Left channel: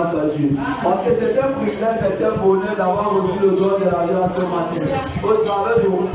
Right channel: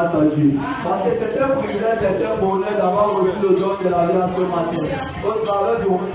grâce à Dieu. Parce que c'est un privilège, c'est un bonheur d'avoir reçu le don de la vie à ce matin. Au travers de vous,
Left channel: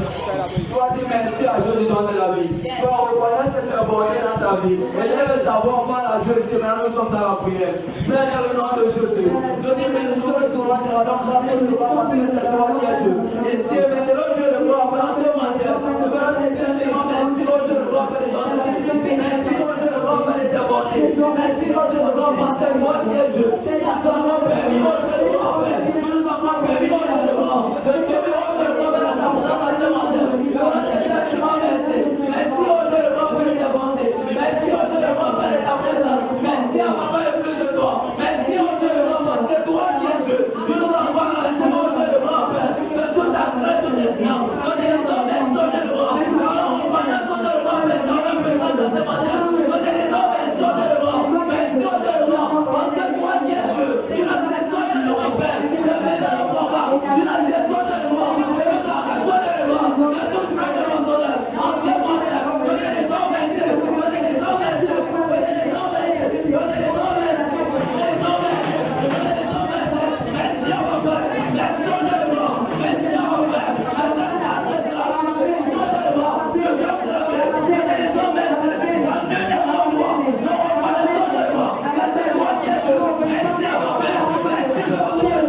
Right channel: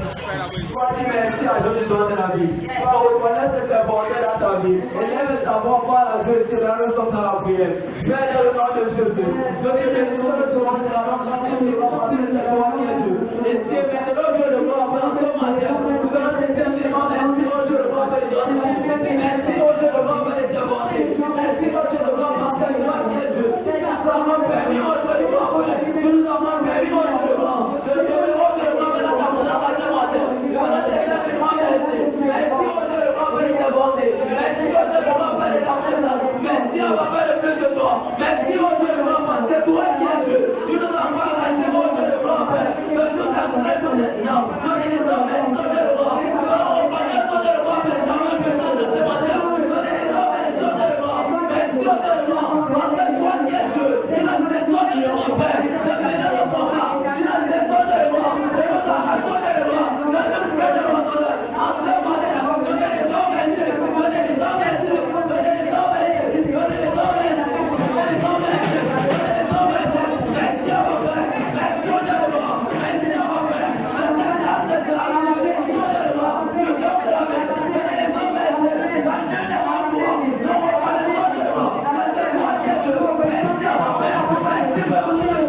sois dit merci à Dieu du don de la vie. Sois reconnaître ses bonheurs dans ta vie. Élève ta voix, on va la Dieu ici, maintenant nous sommes dans la prière. Père, dans le nom de Jésus, nous te bénissons de ton nom, de la grâce de Dieu, parce que c'est toi qui es Dieu. Et si maintenant Dieu de gloire, dans ce matin, nous venons éternellement merci au Dieu de gloire, Père de don de la vie. Merci au Dieu de gloire, Père de ta bonté. Merci au Dieu de gloire, parce que toi qui es Dieu. Nous avons permis au Dieu de gloire, Père. Nous nous avons permis au Dieu de gloire. De te donner au Dieu de gloire, Père, ta présence à ce matin. Nous venons éternellement merci. Merci au Dieu de gloire, Père de ta bonté. Merci au Dieu de gloire, Père de ta présence. Merci à ma Père plus de toi. Merci au Dieu de gloire, parce que toi qui es Dieu. Tu nous as pas lâché au Dieu de gloire, Père. De toute ta strength, tout tes siens. Nous te disons merci au Dieu de gloire. Nous allons reconnaître au Dieu de gloire, Père, ta même présence de ce matin. Nous te disons merci au Dieu de gloire. Merci au Dieu de gloire, parce que toi qui es Dieu. Tu nous cesses au Dieu de gloire, Père. De mener le combat. Tu nous cesses au Dieu de gloire. De nous arracher au Dieu de gloire. De toute frère de nos honneurs. En ce matin, nous te disons merci. Nous te disons merci. Nous te disons merci. Nous te disons merci. Nous te disons merci. Nous te disons merci. Merci à mon Père. Merci au Dieu de gloire. Merci à mon Père. Merci à ce Dieu. Merci au Dieu de gloire. Le cœur de la vie. Nous te disons merci. La mienne est en toi. Nous reconnaissons Dieu de gloire. Merci à toi qui es Dieu. Merci à mon Père. Merci à mon Dieu.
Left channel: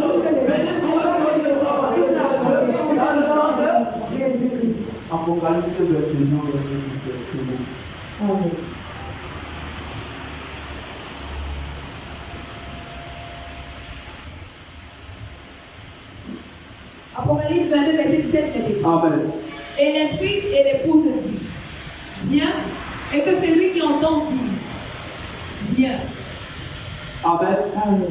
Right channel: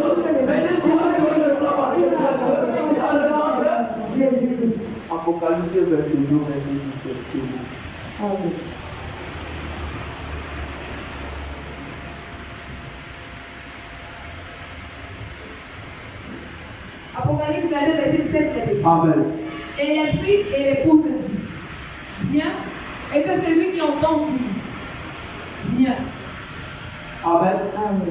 Béni soit Dieu de gloire parce que tu es Dieu. Dans le nom de Jésus. Apocalypse 21, verset 17. Amen. Apocalypse 22, verset 17. Amen. Et l'esprit et l'épouse disent, viens, et que celui qui entend dise, viens. Amen.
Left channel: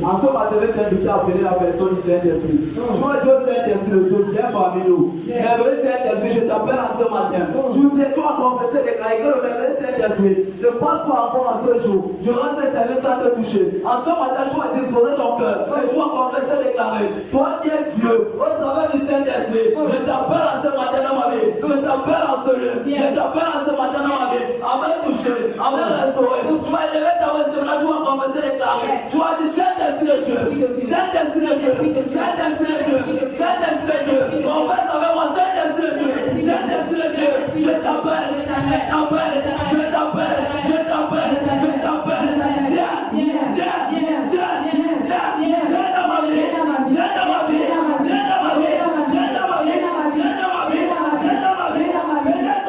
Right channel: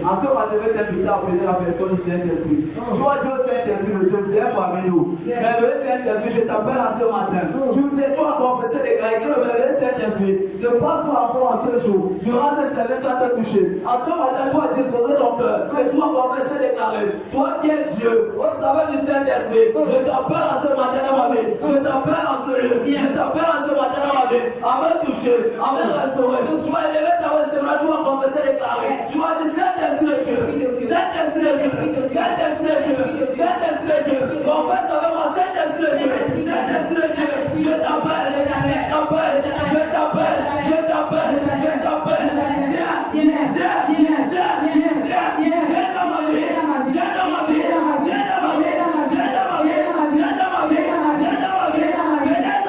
En ce matin, je vais t'inviter à appeler la personne du Saint-Esprit. Tu vois Dieu Saint-Esprit, le Dieu qui est parmi nous. Merveilleux Saint-Esprit, je t'appelle en ce matin. Tu vas confesser, déclarer que le merveilleux Saint-Esprit ne passe pas encore en ce jour. Durant ce service sans te toucher. En ce matin, tu vas disposer ton cœur et tu vas confesser, déclarer. Toi qui es Dieu, au travers du Saint-Esprit, je t'appelle en ce matin dans ma vie. Je t'appelle en ce lieu. Je t'appelle en ce matin dans ma vie. À me toucher, à me restaurer. Tu vas élever ta voix, tu vas confesser, déclarer. Tu as dit Saint-Esprit de Dieu, Saint-Esprit de Dieu, Saint-Esprit de Dieu, Saint-Esprit de Dieu. Confesse avec moi, Saint-Esprit de Dieu, Saint-Esprit de Dieu. Je t'appelle, je t'appelle, je t'appelle, je t'appelle, je t'appelle. Viens, viens, viens, viens, viens, viens dans ma vie, viens dans ma vie, viens dans ma vie, viens dans ma vie, viens dans ma vie, viens dans ma vie. Bénette,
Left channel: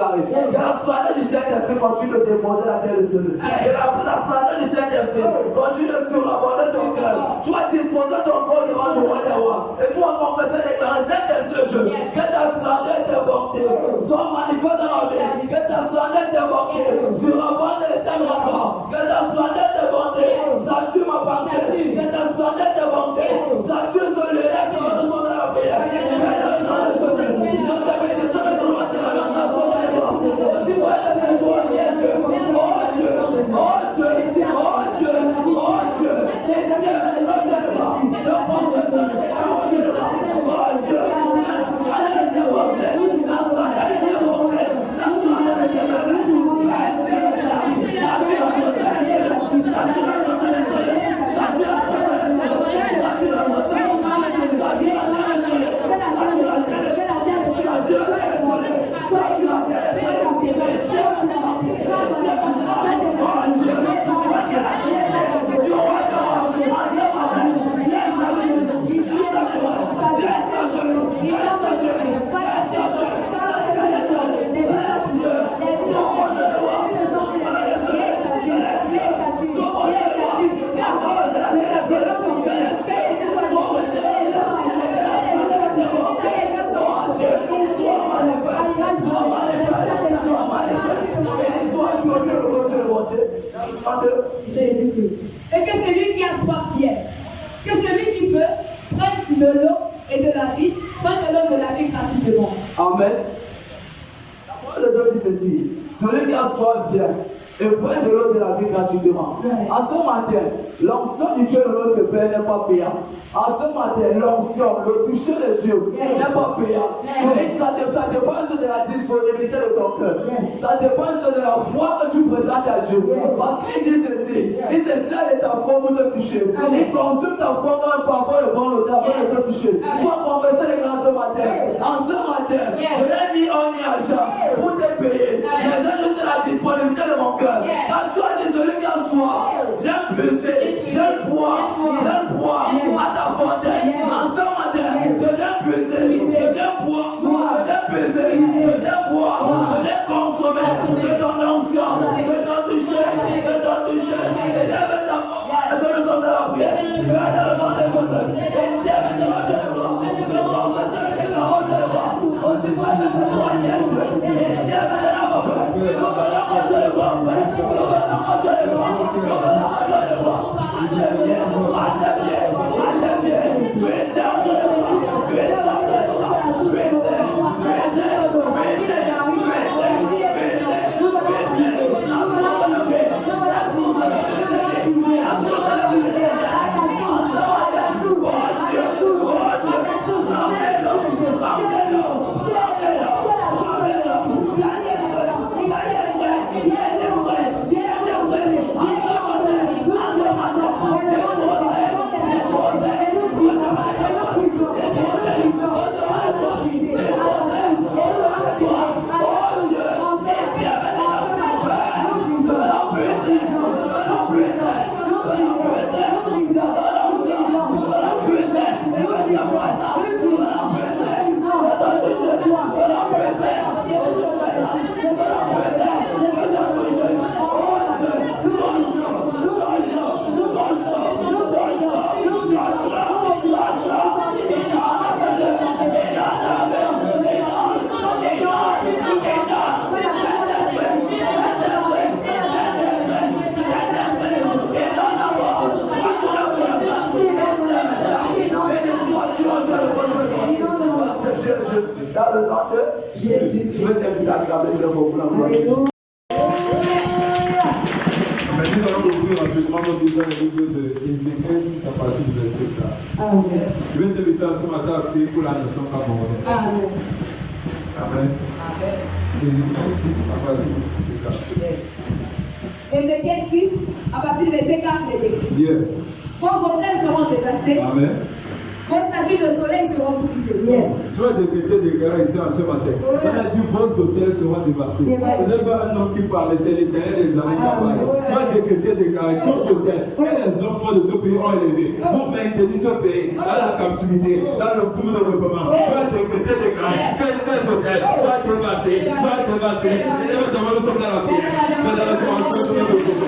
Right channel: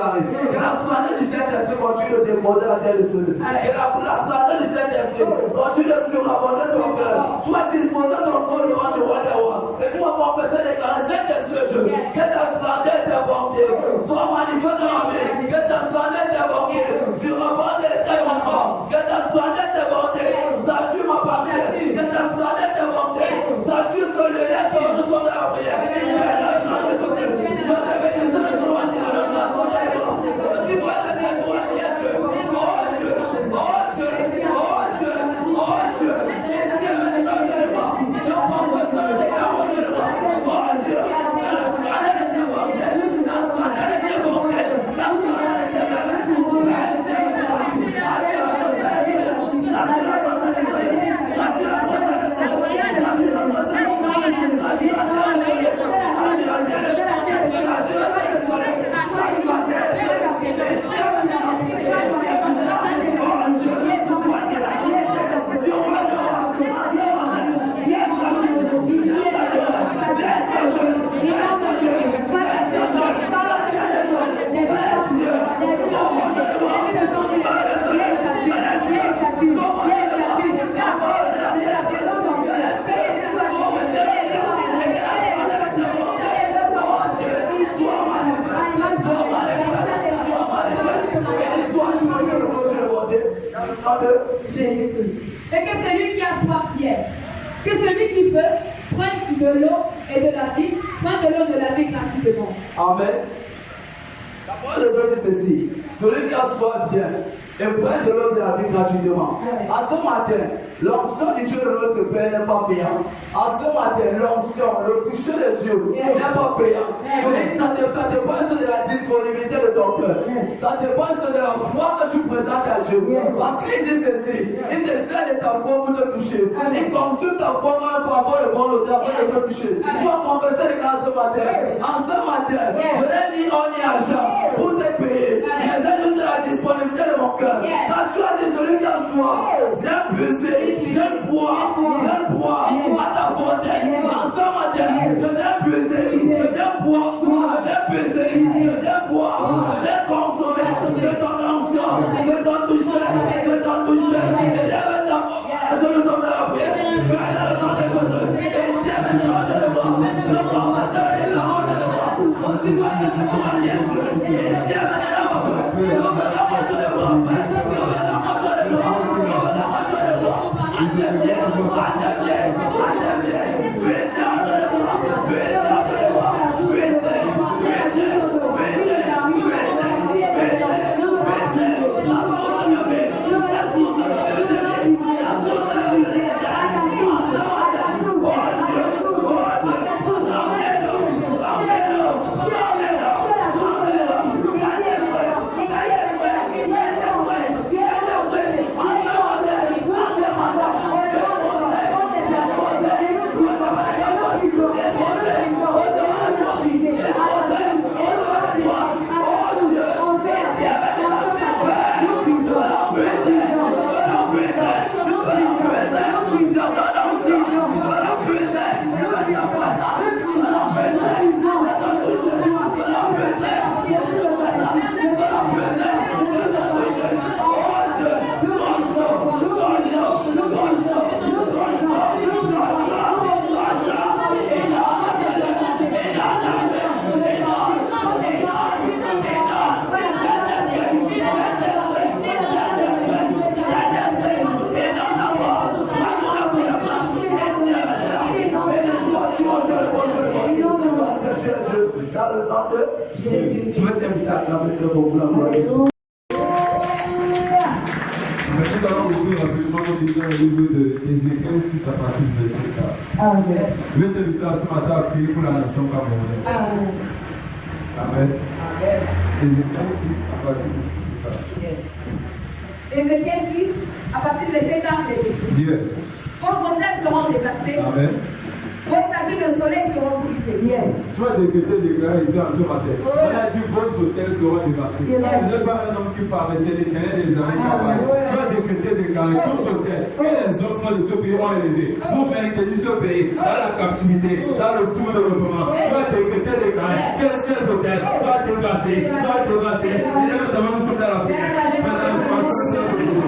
Que la splendeur du Saint-Esprit continue de déborder la terre de ce lieu. Que la splendeur du Saint-Esprit continue de surabonder ton cœur. Tu vas disposer ton corps devant le roi des rois. Et tu vas confesser, déclarer Saint-Esprit de Dieu. Que ta splendeur déborde soit manifeste dans la vie. Que ta splendeur déborde surabonde l'éternel encore. Que ta splendeur déborde sature ma pensée. Que ta splendeur déborde sature ce lieu. Que nous sommes dans la prière. Mais dans le nom de Jésus, nous te bénissons de nous à la grâce de Dieu. Aussi voilà c'est toi qui es Dieu. Oh Dieu, oh Dieu, oh Dieu, oh Dieu. Et si elle est dans le Dieu, nous avons besoin de ta voix. Oh Dieu, nom de Jésus-Christ. Et que celui qui a soif vienne. Que celui qui veut prenne de l'eau et de la vie, prenne de l'eau et de la vie gratuitement. Amen. La parole de Dieu dit ceci. Celui qui a soif vient et prend de l'eau de la vie gratuitement. À ce matin, l'onction du Dieu de notre Père n'est pas payant. À ce matin, l'onction, le toucher de Dieu n'est pas payant. Mais ça dépend de la disponibilité de ton cœur. Ça dépend de la foi que tu présentes à Dieu. Parce qu'il dit ceci. Il se sert de ta foi pour te toucher. Il consume ta foi quand pour avoir le bon odeur pour te toucher. Tu vas converser les gars ce matin. En ce matin, je n'ai ni or ni argent pour te payer. Mais j'ai juste la disponibilité de mon cœur. Quand tu as dit celui qui a soif, viens puiser, viens boire à ta fontaine. En ce matin, je viens puiser, je viens boire, je viens puiser, je viens boire, je viens consommer de ton onction, de ton toucher, de ton toucher. Et lève ta voix, je me sens de la prière. Je vais dans le nom des choses. Et si elle me demande, je le vois. Je prends ma soeur et la route, je le vois. Aussi pas que ce soit un Dieu. Et si elle me demande, je le vois. Dans le nom de Jésus. Je veux t'inviter à acclamer ce mot pour la gloire de Dieu. Nous allons ouvrir rapidement nos Bibles dans le livre d'Ézéchiel 6 à partir du verset 4. Amen. Je vais t'inviter ce matin à prier pour la nation camerounaise. Amen. Amen. Amen. Ézéchiel 6 à partir du verset 4. Yes. Ézéchiel 6, à partir du verset 4, les Yes. vos hôtels seront dévastés, Amen. vos statues de soleil seront brisées. Yes. Tu vas déclarer ici en ce matin. On a dit vos hôtels seront dévastés. Ce n'est pas un homme qui parle, c'est les cahiers des amis qui parlent. Tu vas déclarer tout hôtel que les enfants de ce pays ont élevé. Vous maintenez ce pays dans la captivité, dans le sous-développement. Tu vas déclarer que ces hôtels soient dévastés, soient dévastés. Et maintenant, nous sommes dans la prière. Maintenant, nous sommes dans la prière.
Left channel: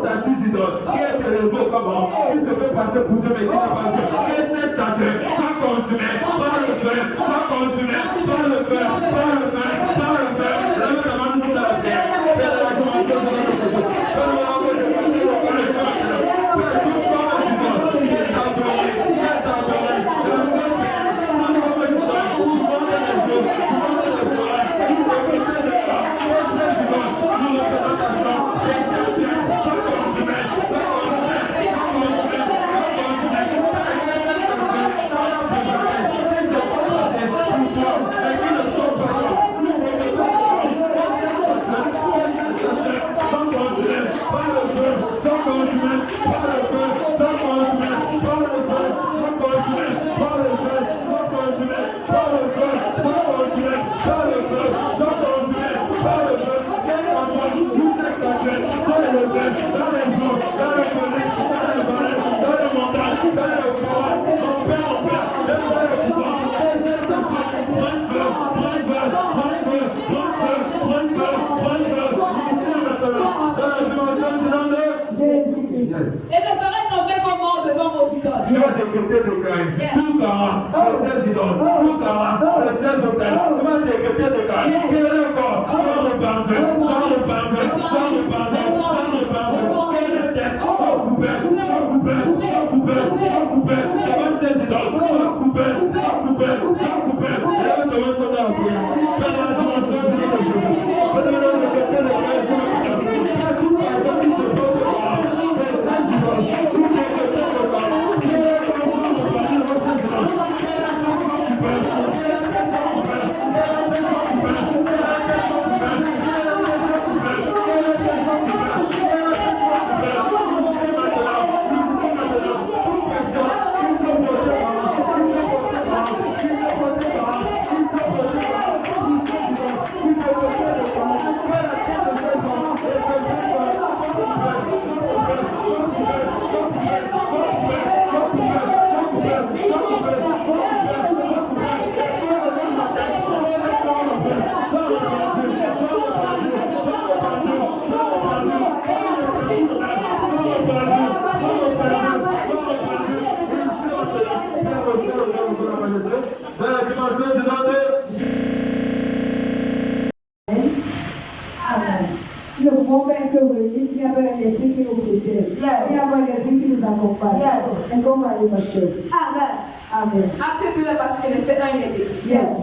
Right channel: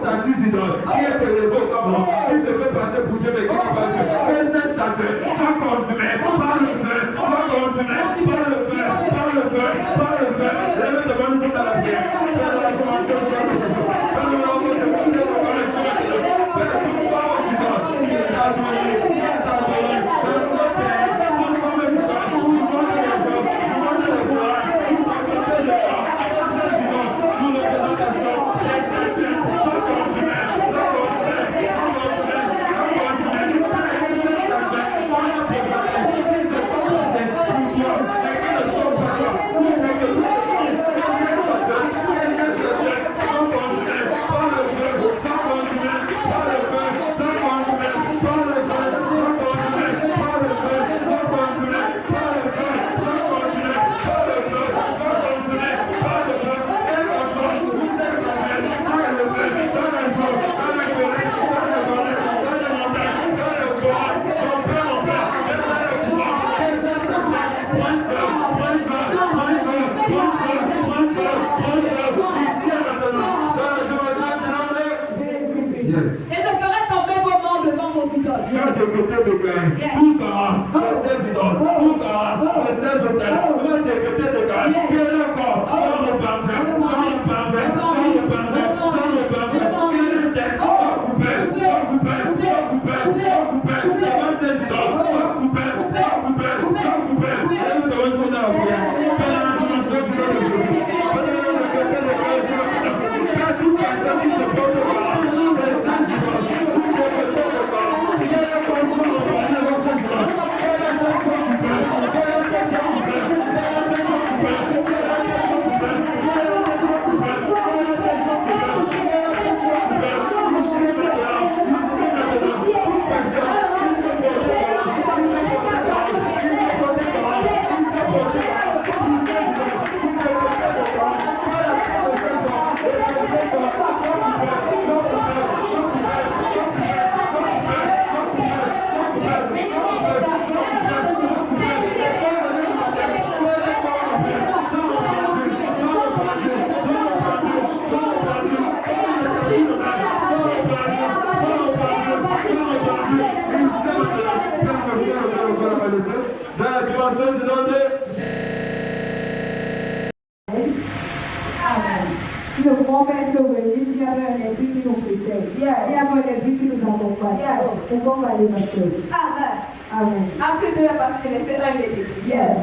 Statue d'idole qui est élevé comme homme, qui se fait passer pour Dieu, mais qui n'est pas Dieu. Que ces statues soient consumées par le feu, soient consumées par le feu, par le feu, par le feu. Acte 2, verset 1, il est écrit. Yes.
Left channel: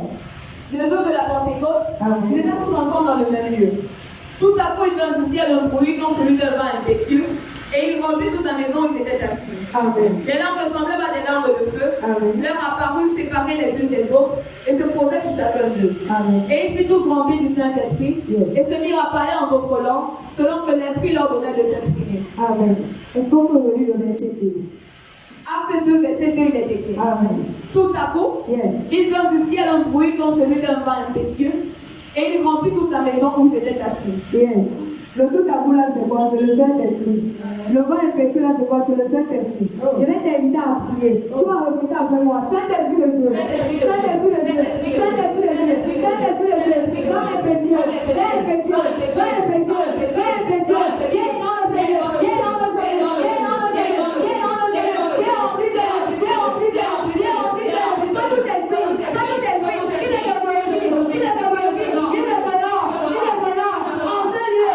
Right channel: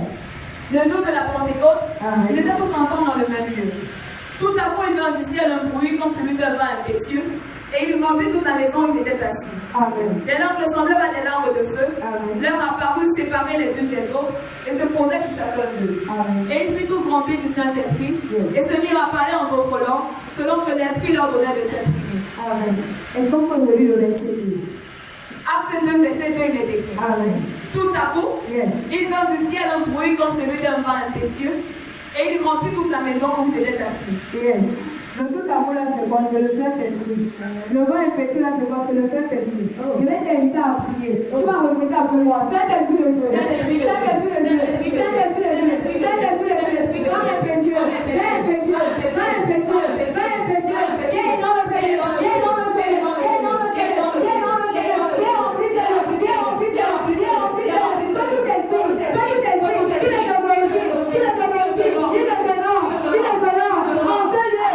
Le jour de la Pentecôte, ils étaient tous ensemble dans le même lieu. Tout à coup, il vint du ciel un bruit comme celui d'un vent impétueux, et il remplit toute la maison où ils étaient assis. Amen. Des langues semblables à des langues de feu leur apparurent séparées les unes des autres et se posaient sur chacun d'eux. Et ils furent tous remplis du Saint-Esprit et se mirent à parler en d'autres langues selon que l'Esprit leur donnait de s'exprimer. Amen. Est-ce qu'on peut lire le verset 2? Acte 2, verset 2, il est écrit. Amen. Tout à coup, il vint du ciel un bruit comme celui d'un vent impétueux et il remplit toute la maison où ils étaient assis. Le tout à vous là, c'est quoi? C'est le Saint-Esprit. Le vent impétueux là, c'est quoi? C'est le Saint-Esprit. Je vais t'inviter à prier. Tu vas répéter après moi. Saint-Esprit de Dieu. Saint-Esprit de Dieu. Saint-Esprit de Dieu. Saint-Esprit de Dieu. Saint-Esprit de Dieu. Vent impétueux. Vent impétueux. Vent impétueux. Vent impétueux. Viens dans le Seigneur. Viens dans le Seigneur. Viens dans le Seigneur. Viens dans le Seigneur. Viens rempli Seigneur. Viens rempli Seigneur. Viens rempli Seigneur. Sois tout esprit. Sois tout esprit. Il est de glorifié. Il est de glorifié. Il est de l'or. Il est de l'or. En ce lieu.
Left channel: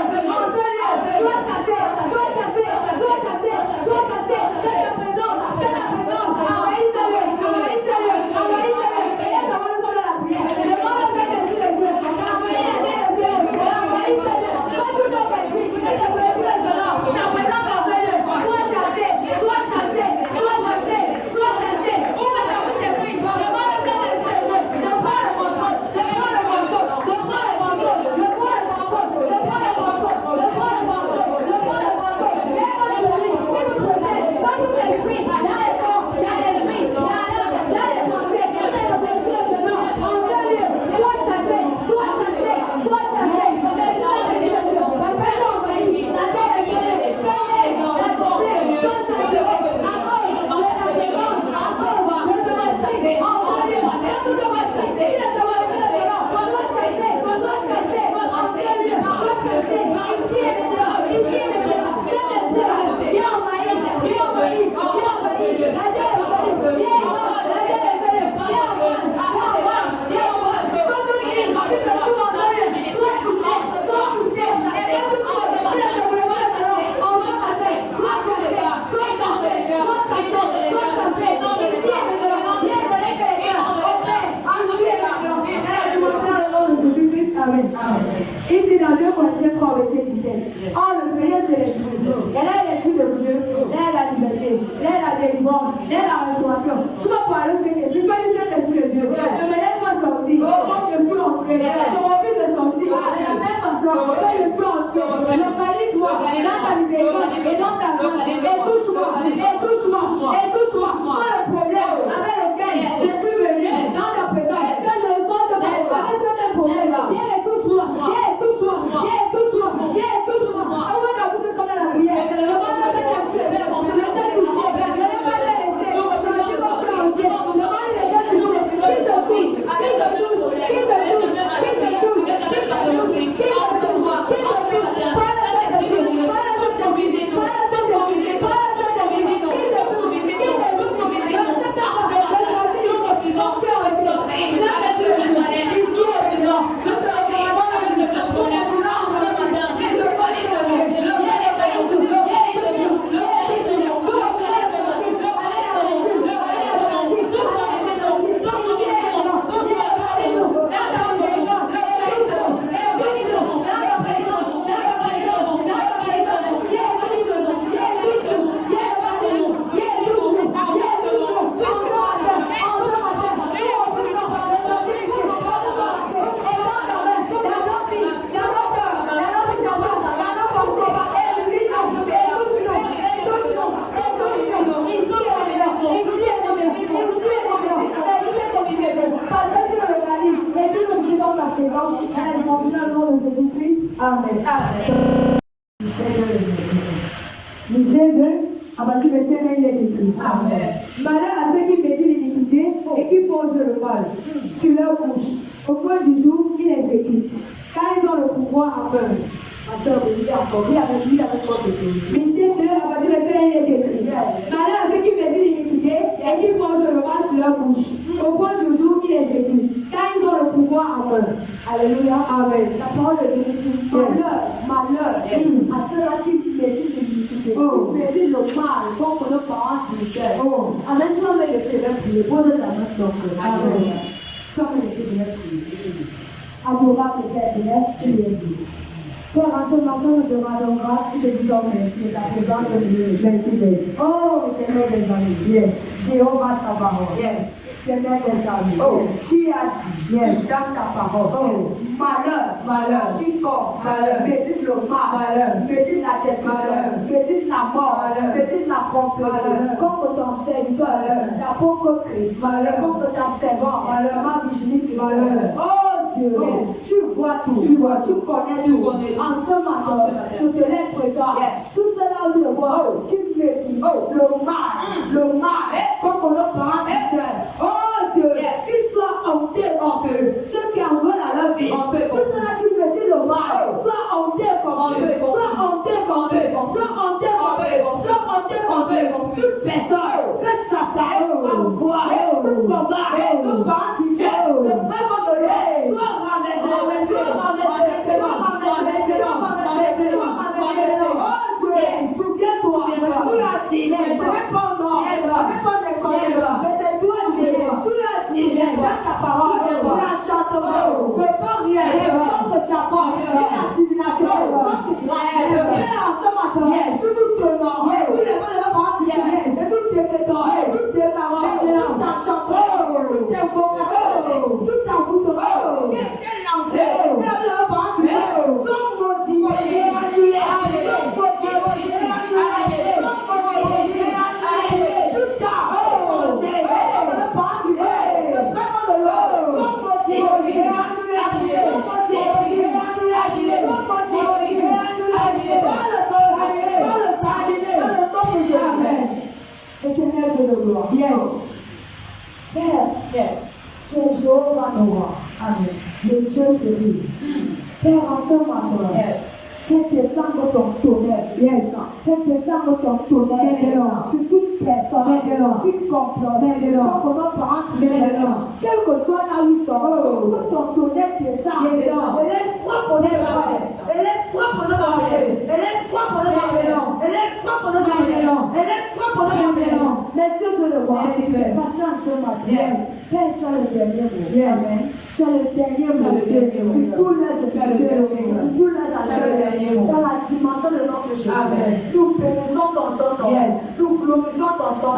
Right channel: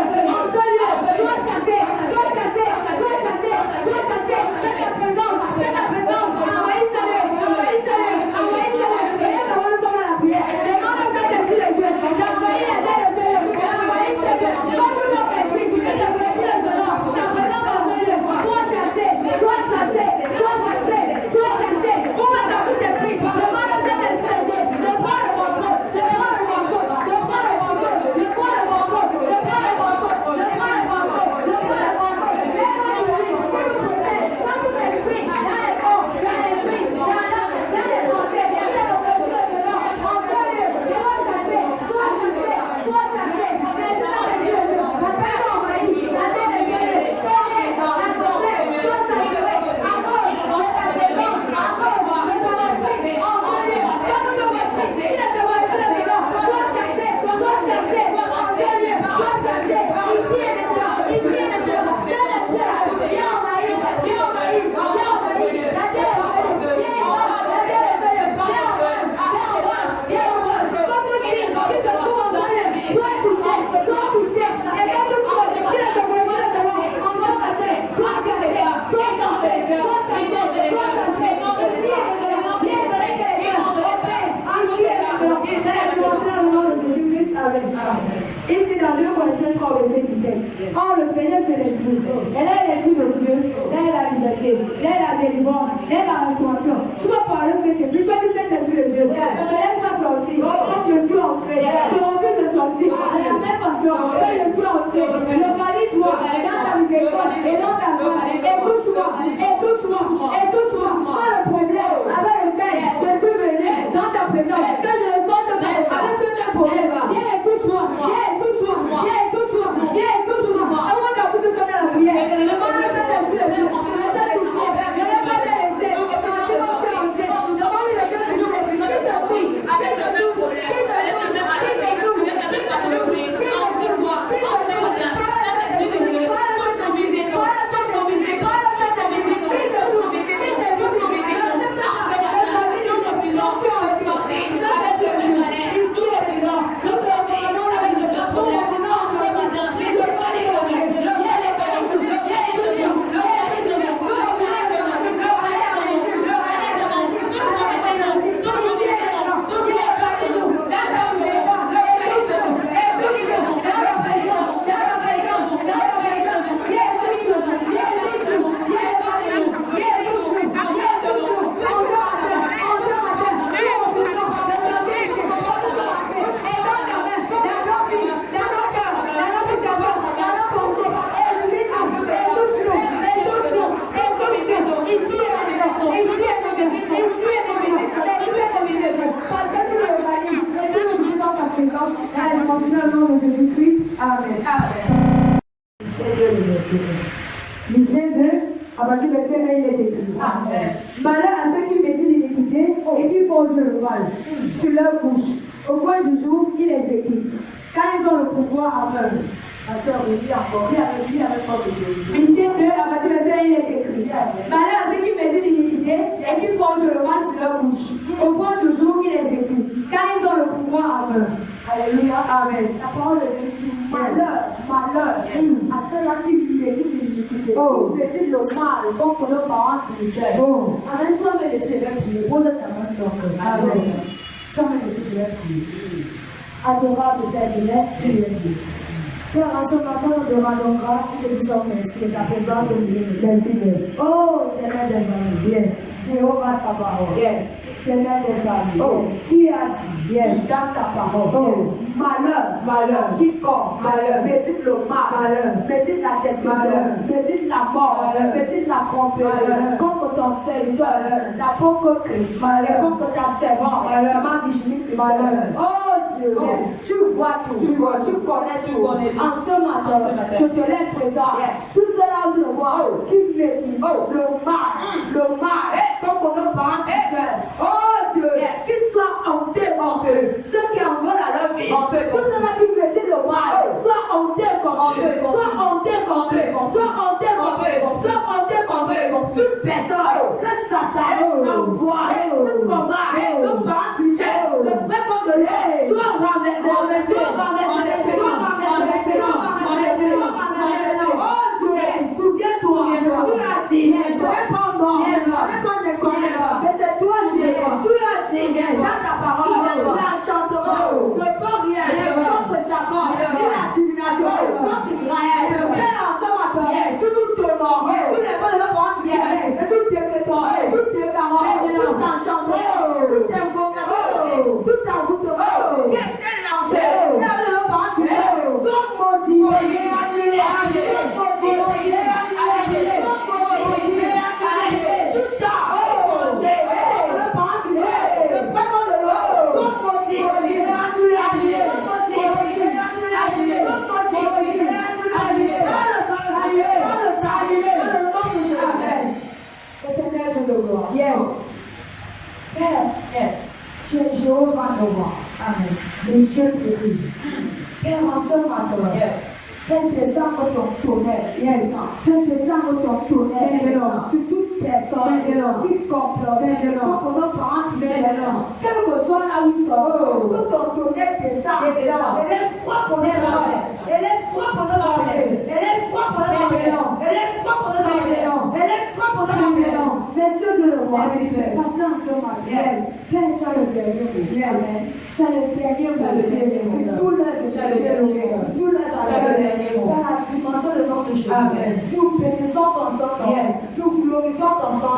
Sois chassé, sois chassé, sois chassé, sois chassé, de ta présence, envahissez-le, envahissez-le, envahissez-le, et là, on va nous la prière, demande au Saint-Esprit de Dieu, d'envoyer la terre de Dieu, envahissez-le, sois tout notre esprit, et de glorifier le Seigneur, ta présence dans ce lieu, sois chassé, sois chassé, sois chassé, sois chassé, ouvre ta bouche et prie, demande au Saint-Esprit de Dieu, de prendre le contrôle, de prendre le contrôle, de prendre le contrôle, de prendre le contrôle, de prendre le contrôle, de prendre le contrôle. Il dit dans 2 Corinthiens 3, verset 17. Oh, le Seigneur, c'est l'Esprit. Elle est l'Esprit de Dieu. Elle est la liberté. Elle est la délivrance. Elle est la restauration. Tu vas parler de cet esprit. Tu vas dire cet esprit de Dieu. Je me laisse pas sortir. Quand je suis entré, je refuse de sortir. De la même façon, quand je suis entré, localise-moi dans ta miséricorde et dans ta grâce. Michel 2, à partir du verset 1, il est écrit. Amen. Malheur à ceux qui méditent l'iniquité et qui forgent le mal sur leur couche. Au point du jour, ils exécutent. Car ils ont le pouvoir à peur. Ma soeur, oui, encore. Lui avec force de Dieu. Michel 2, à partir du verset 1, il est écrit. Malheur à ceux qui méditent l'iniquité et qui forgent le mal sur leur couche. Au point du jour, ils exécutent. Car ils ont le pouvoir à peur. Alléluia. Amen. La parole de Dieu dit malheur, malheur à ceux-là qui méditent l'iniquité, qui méditent le mal contre nos parents spirituels. Amen. Tu vas me laisser, je vais prier. Pose ta main sur ton cœur. Amen. Tu vas me laisser, je vais prier. Adorable Père Céleste, tu es ici. Père, en ce matin, nous te rendons grâce, nous te disons merci de ta présence au milieu. Merci, Père. Oh, éternel des amis. Yes. Jéhovah Sabaoth. Yes. Éternel des amis. Oh. Tu as dit Yes. dans ta parole. Oh. Malheur. Quiconque médite le mal, médite la destruction, médite la mort, médite la compagnie, contre ton serviteur, l'apôtre Christ, contre ta servante, ma Virginie Christ. Oh Dieu, tu vois tout, tu connais tout. En ce matin, je te laisse présent. Tout cela où tu le vois, qui médite le mal, contre nos parents spirituels. Oh Dieu, qu'ils soient hantés en feu, ceux qui en veulent à leur vie. Tout cela qui médite le mal, soit hantés comme Dieu, soit hantés comme Dieu, soit hantés comme Dieu, soit hantés comme Dieu. Toute personne que Satan envoie, tout combat, nos parents spirituels, le vrai contre lui, soit ramassé, soit ramassé, soit ramassé, soit ramassé, soit ramassé. Oh Dieu, souviens-toi, tu as dit, répondons, mais c'est toi Dieu, tu as dit dans ta parole, l'enchantement, ne peut rien contre Jacob, et la divination contre Israël. Et en ce matin, tout ton nom, tous les bonnes réponses, et tout tes tétons, toutes tes paroles, tout enchantement, toutes tes vocations, tout envoûtement, qui est lancé, et les réponses, sont maudits et annulés, sont maudits et annulés, sont maudits et annulés, tout temps, étranger, les réponses, le peuple de l'eau, sont maudits et annulés, sont maudits et annulés, sont maudits et annulés, dans le feu, dans le salut, dans le nom de Jésus. Éternel Dieu de gloire. Père, tu es Jéhovah Nova. Amen. Le Dieu guéri. Père, en ce matin, fais descendre ton tonnerre. Fais descendre ton tonnerre sur toute personne qui comprend. Sans que nos parents quel que soit là où ils sont, que ton tonnerre descende. Et les frappes pour nos parents. Et les frappes pour nos parents. Et les frappes pour nos parents. Et les frappes pour nos parents. Et les frappes pour nos parents. Merci Dieu le roi. Parce qu'en ce matin, Père, tu as le dernier mot. Tu as le dernier mot. Sur tous leurs études, sur tous leurs agents, dans la dimension de notre Jésus. Nous bénissons ton sang, nous glorifions ton sang,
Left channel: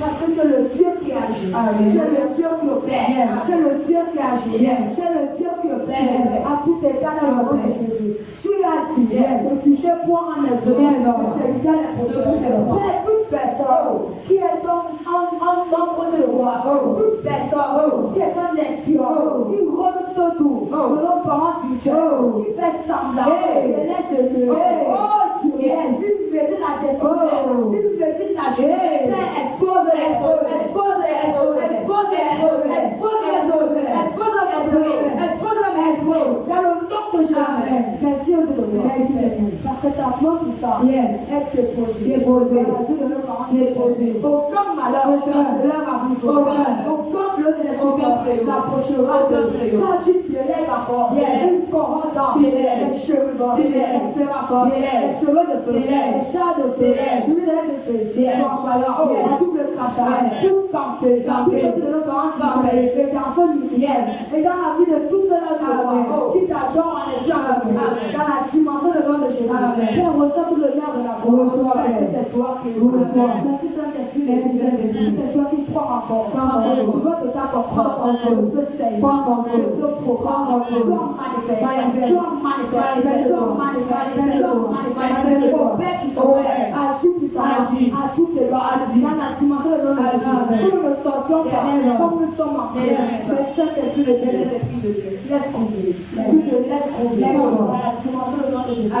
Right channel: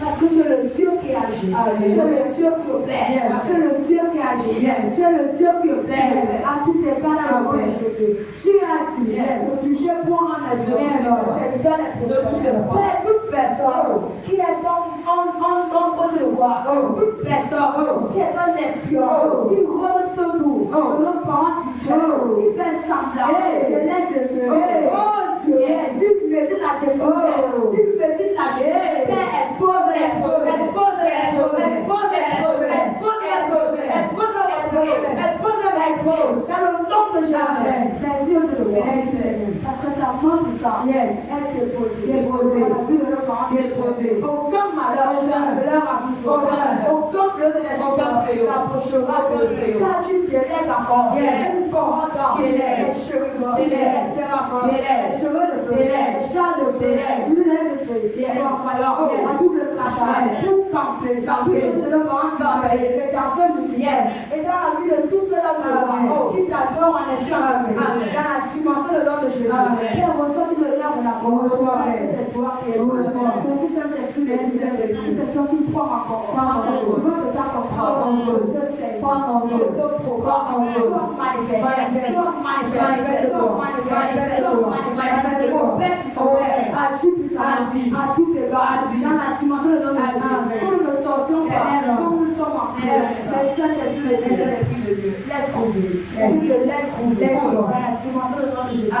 parce que tu es le Dieu qui agit. Tu es le Dieu qui opère. Tu es le Dieu qui agit. Tu es le Dieu qui opère. À tout égard dans le nom de Jésus. Tu as dit, le péché pour en les autres, c'est dans les prophètes. Père, toute personne qui est contre le roi, toute personne qui est un espion, qui rôde autour de nos parents spirituels, qui fait semblant, qui laisse le oh Dieu, il médite la destruction, il médite la chute. Père, expose dans le nom de Jésus. Merci au Dieu de gloire. Parce que ta main puissante est déposée dans la vie de nos parents spirituels. Aucun malheur ne leur arrivera. Aucun flot de l'esprit n'approchera de car tu délègues encore une couronne d'or, les cheveux les séraphins, les cheveux de feu, les chats de feu, l'huile de feu, à double crachat, tout campé, tout de nos parents spirituels, les garçons et dans la vie de tous ceux-là qui t'adorent en esprit en vérité, dans la dimension de l'ordre de Jésus. Père, reçois tout le nerf de la parole. C'est toi qui es Dieu. Merci Saint-Esprit. Merci c'est toi qui crois encore. Tu veux que ta comprendre ce Seigneur, ce programme soit manifesté, soit manifesté, soit manifesté, soit manifesté. Vos pères qui sont agis puissamment à tout égard dans la dimension de l'ordre de Jésus. Nous ne sortions pas comme nous sommes en paix. Mais Saint-Esprit de Dieu, laisse couvrir. Tu te laisses couvrir dans la dimension de l'ordre de Jésus.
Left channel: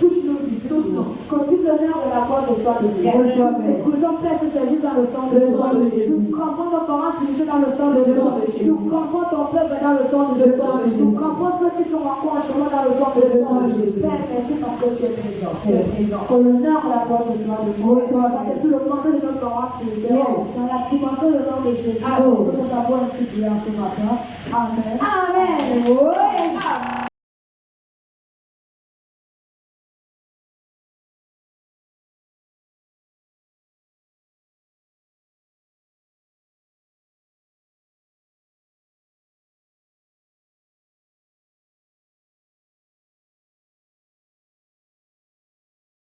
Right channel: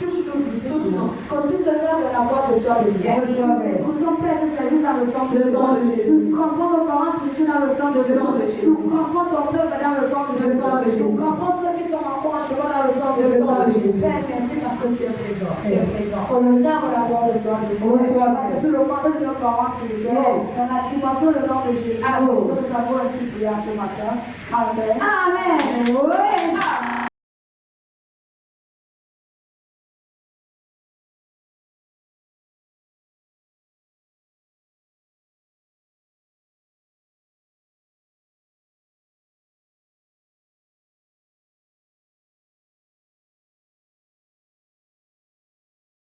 Touche-nous, tous non. Comme tout l'honneur de la voix de soi de Dieu. Nous sommes prêts à ce service dans le sang de Jésus. Nous crampons nos parents spirituels dans le sang de Jésus. Nous crampons ton peuple dans le sang de Jésus. Nous crampons ceux qui sont encore en chemin dans le sang de Jésus. Père, merci parce que tu es présent. Pour l'honneur de la voix de soi de Dieu. C'est sous le manteau de nos parents spirituels. Dans la dimension du nom de Jésus. Nous avons ainsi prié ce matin. Amen. Amen.